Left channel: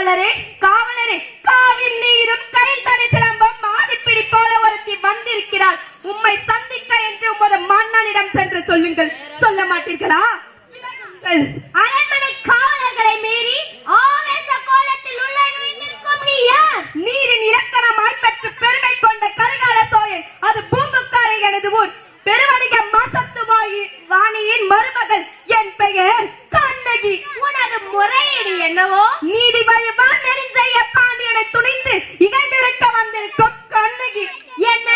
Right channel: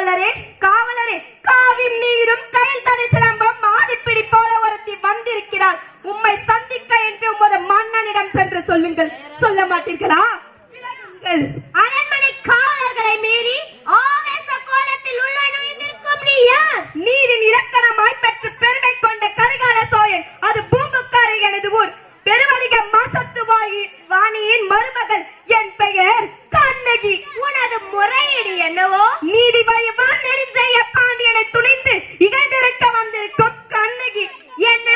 காவலரே காவலரே, காவின் நீரும் கையில் தனி சிலம்பம் ஆதிப்பிடி போல ஒருத்தி வந்திருக்கிறார். உம்மை சந்திக்க என்று உமது மன்னனிடம் சென்று சொல்லுங்கள். சொல்ல மாட்டீர்களா? அரண்மனை காவலர்களை மீறி ஆவேச கோலத்தில் உள்ள நுழைந்திருக்கும் நீ யார்? நீரின் இலக்கணமாய் பெற்று பெருமை கொண்ட கரிகால சோழன், அது பூம்புக்காரை எனது ஊர். பெருவணிக மாசத்து வாணியின் மருமகள். என் பெயர் கண்ணகி. உனது முறையீடு என்னவோ? நீதி வழிபார் நெடுஞ்செய்ய பாண்டியனை துணிந்து இகழ்ந்திருக்க வந்திருக்கும் கண்ணகி. என்ன?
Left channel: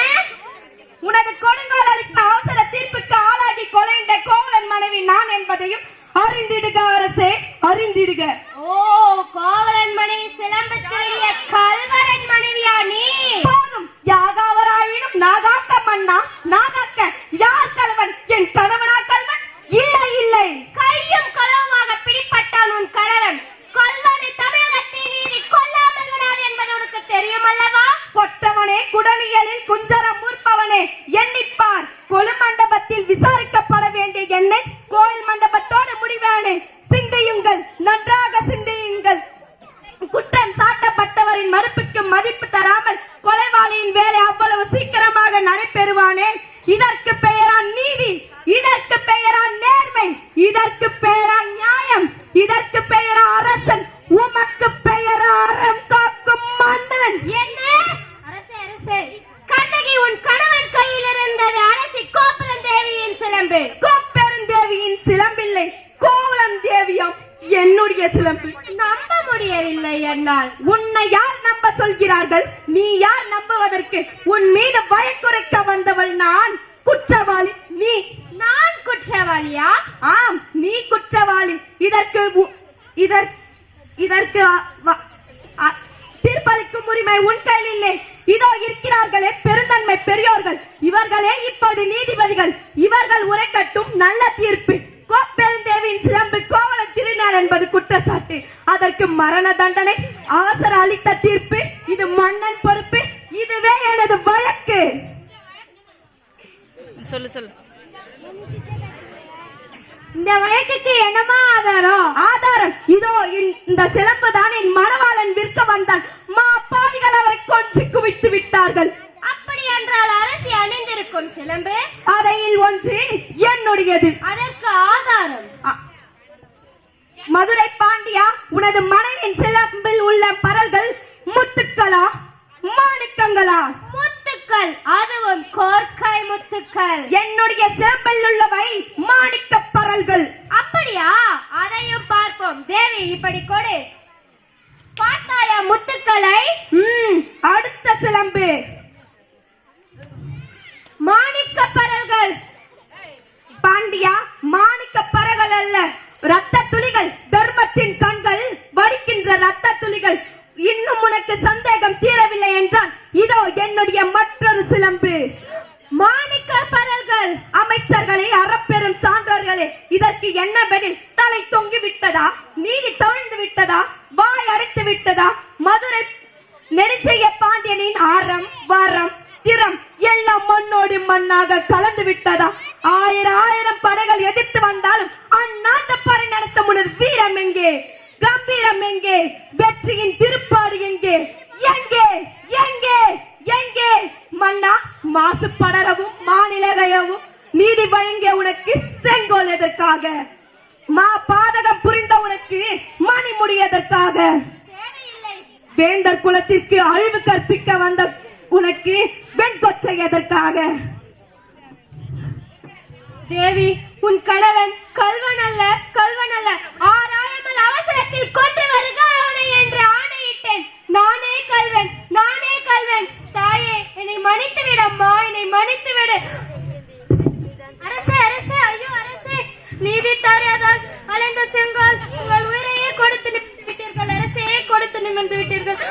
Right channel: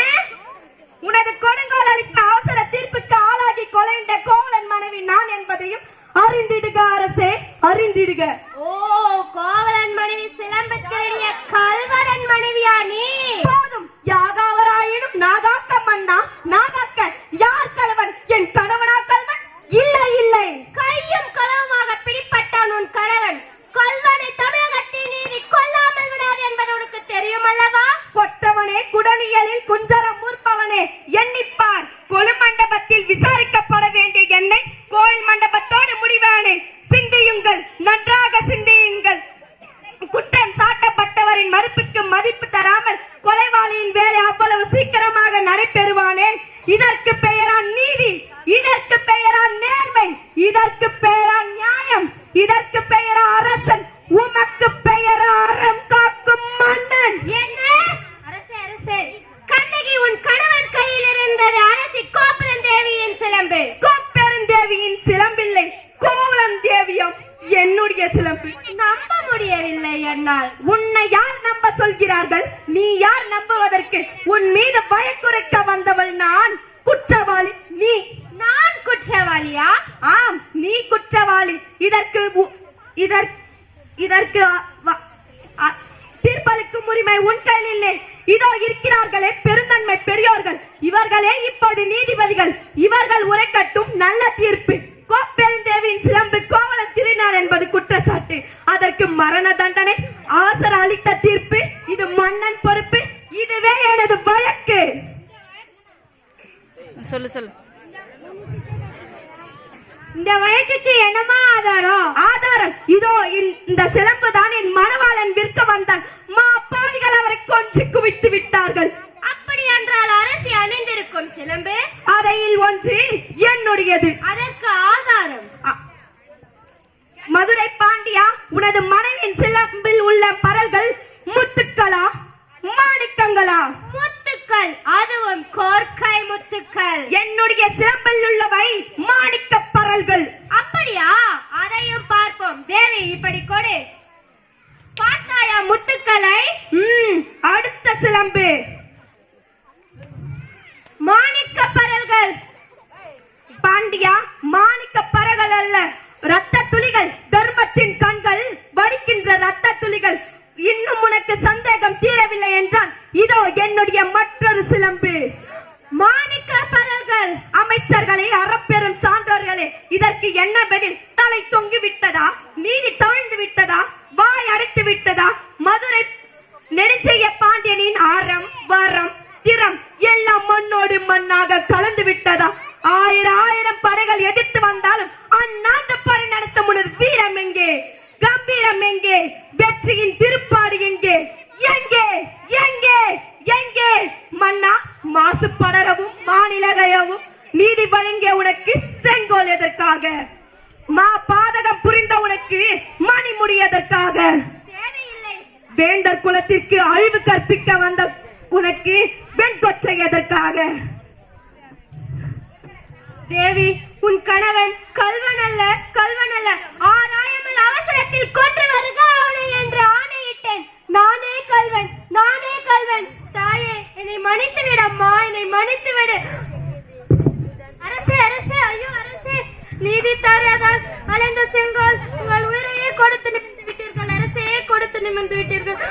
உனது கொடுங்கோல் அளித்த அவசர தீர்ப்புக்கு ஆளாகி கொலைந்த கோவலன் மனைவி நான் என்பதையும் அறிந்திடுக அரசே, அறிந்திடுக. ஓ, கோவலன் மனைவி சிலம்பு திருடிய கல்வரன் மனைவியா நீ? போதும், யாகாவராயினும் நாகாக்க மன்னா, நாகாக்க யார் கலவன்? என் கணவனா கல்வன்? இல்லை இல்லை, கையும் களவுமாக பிடிப்பட்டான் உன் கணவன். கல்வனை தமிழகத்தின் நீதி கொல்லாமல் விடாது என்பது உனக்கு தெரியும் அல்லவா? கொற்றவனே, குடனியலில் குஞ்சரம் மூர்ப்பவனே, எண்ணிப்பார். கொலு மண்டபத்தில் விசாரிக்கப்பட வேண்டிய என்னை கோயில் மண்டபத்தோடு முடிவானேன். சிந்தியுங்கள், நன்றாக சிந்தியுங்கள். குற்றம் சாட்டப்பட்டவரின் மறுப்புக்கு மதிப்பு தராமல் கொலைவாளியின் வேலை அவ்வளவு சீக்கிரமாக நடைபெறுவானே. இதற்கு பெயரா நீதி, இதற்கு பெயரா நேர்மை, இதற்கு பெயரா நியாயம், இதற்கு பெயரா அரசன், உமக்கு பெயரா அறம் காக்கும் மன்னன். என்ன? அரசே, அரசே, கண்ணகி உன் கணவன் கையில் இருந்தது அரசி கோப்பெருந்தேவியின் சிலம்பு. கோப்பெருந்தேவியின் சிலம்பில்லை, கோவலன் தேவியாம் என்னுடைய சிலம்பு. நம்ப முடியவில்லை என்னால். உன்னை யார் நம்ப சொல்கிறார்கள்? நீ யார் நம்புவதற்கு? உன் மீது பயக்குறைக்க வந்தவள் நான். குற்றவாளி நீ. நான் குற்றவாளியா? ஆம், நீ குற்றவாளி. இதற்கு தீர்ப்பளிக்கும் உரிமை உன் கையில் இல்லை. இதோ இருக்கிறார்களே பெருந்தன்மை பெரியோர்கள், இவர்களே இப்போது நீதிபதிகள். இவர்கள் உரைக்கட்டும் நல்ல தீர்ப்பு. கோப்பெருந்தேவியின் சிலம்பு கோவலன் திருநாள் என்பது குற்றச்சாட்டு. அதற்கு மரண தண்டனை. ஆசர் அளித்த தீர்ப்பு. இது மன்னன் பொறுப்பு. இதுவே எனது வழக்கு. சொல்லு சொல்லு. இந்த வழக்குக்கு என்னமா ஆதாரம்? ஆதாரம் இதோ, இந்த சிலம்பு தான் என் மணவாளன் விற்க வந்தான். பாவிகள் அவரை கொஞ்சி குவித்து விட்டார்கள். அப்படி என்றால் அரசி அணிந்திருக்கும் சிலம்பு அதையில் ஒன்று என்னுடையது. அதற்கு ஆதாரம்? மதுரை பாண்டியா, உனது மனைவின் சிலம்பில் உள்ள பரல்கள் முத்துக்களா மாணிக்கங்களா? முத்துக்கள், அதுவும் கோர்க்கை முத்துக்கள். என்னுடைய சிலம்பில் உள்ளவை மாணிக்க பரல்கள். அப்படியா? அதையும் பார்ப்போம். தேவி, இப்படி கொடு. பார்த்தாயா முத்துக்களை? அடுத்த சிலம்பு மாணிக்க பரல்கள். பாண்டியா, மாணிக்க பரல்கள் அல்ல, ரத்த துளிகள். தர்மத்தின் கண்கள் வடிக்கின்ற ரத்த துளிகள். இன்னும் உனக்கு சந்தேகம் தீரவில்லை என்றால் இதோ என்னுடைய மற்றொரு சிலம்பு. மாணிக்க பரல்கள். அமைச்சர்களே, அறப்பெரும் சான்றோர்களே, இதற்கு என்ன பதில்? தலை தொங்கி விட்டதா? நீதி தவிழ்ந்து விட்டதா? வாய் அடைத்து விட்டதா? மதுரை நெடுஞ்செய்ய பாண்டியனின் அறம் வரம் திறம் எல்லாம் மண்ணோடு மண்ணாக கலந்து விட்டதா? ஆயிரம் படைகள் எதிர்த்து வந்தாலும் அண்ணாந்த படை நடத்த உனது வீரம் எங்கே? கம்பீரம் எங்கே? வெற்றியின் திருப்பாடு எங்கே? எங்கே எங்கே எங்கே? மன்னா, மாசு படரவும் மாநிலகையவும் நீதி வழங்கிய உனக்கு செங்கோல் எதற்காக? பாதகம் புரிந்த உனக்கு மணிமுடி எதற்காக? வேந்தர் குலத்திற்கு அழிவு கற்பிக்க வந்த உனக்கு வெண்கொற்றை எதற்காக? தேவி, உன் கணவன் கல்வன் அல்ல, கல்வன் அல்ல. ஆராயாமல் அவசரத்தில் கொன்று வருக அவனை என்று ஆணையிட்டேன். நானே கல்வன், நானே கல்வன். தாயே, என்னை மன்னித்து விடம்மா, என்னை மன்னித்து விடு. அரசே, அரசே, ஐயோ அரசே, நீதி தராதால் அலைந்த செங்கால் உங்கள் உயிரையே கொடுத்து நிமிர்ந்து விட்டீர்கள். அரசே, கொடுத்து நிமிர்ந்து விட்டீர்கள்.